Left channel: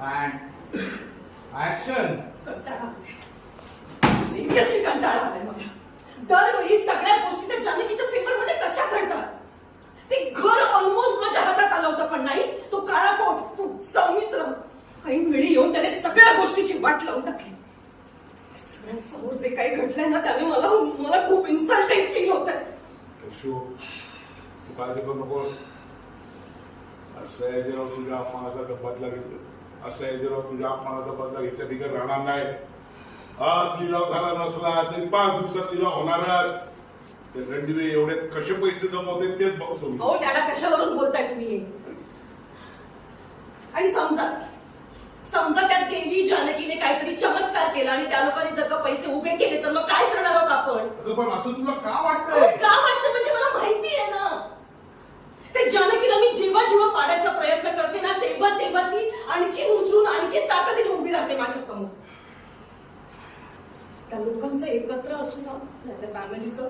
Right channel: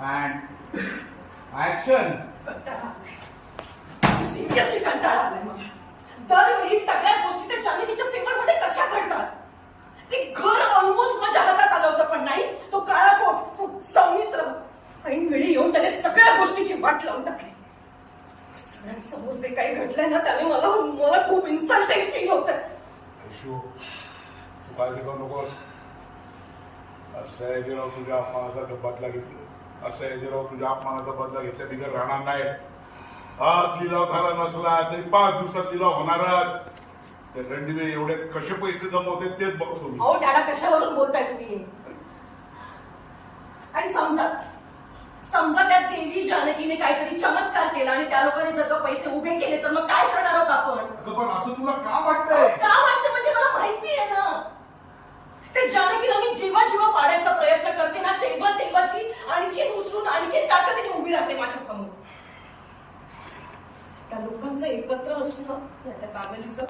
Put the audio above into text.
And action. Seriously कंटाळा आलाय मला. दरवेळी सगळ्या गोष्टी त्या जानकीच्या पेपर मध्ये कशा घडतात. ते घर ऑलमोस्ट माझ्या हातात आलं होतं, पण नाही, तो काळा कोट, तो सौमित्र ऐन वेळी येऊन त्याने सगळ्या गोष्टीची वाट लावून टाकली. सगळ्यांसमोर जे काही घडलंय ना, त्याने मला खूप इन्सल्टिंग फील होत. आयशू, तू काळजी करू नकोस. असं आहे जेव्हा तुझ्या अपमानाचा बदला घेतला, असं आहे जेव्हा तुझ्या अपमानाचा बदला घेतल्या बिगर राहणार नाही. आज लिलाव झाला नसला तरी 5 दिवसात लिलाव होणारच. ते रणदिवे एवढे कसे पैसे जमवते तेच बघतो मी. हो, त्याला कशावरून बोलताय तुम्ही. आणि समजा त्या देवी जानकीने काहीतरी चमत्कार केला आणि त्या लोकांनी जर का पैसे उभे केले तर मग काय करणार आहोत आपण. अगं पण असं तुला का वाटतंय. का वाटतं म्हणजे मला माहिती आहे ना. ते जानकीला मी जेव्हा जेव्हा पाडायचा प्रयत्न करते ना, तेव्हा ती आणखी उचलून आणखी ताकदीने उभी राहते माझ्या समोर. त्या लोकांचं एकत्र असणं, त्या फॅमिलीचं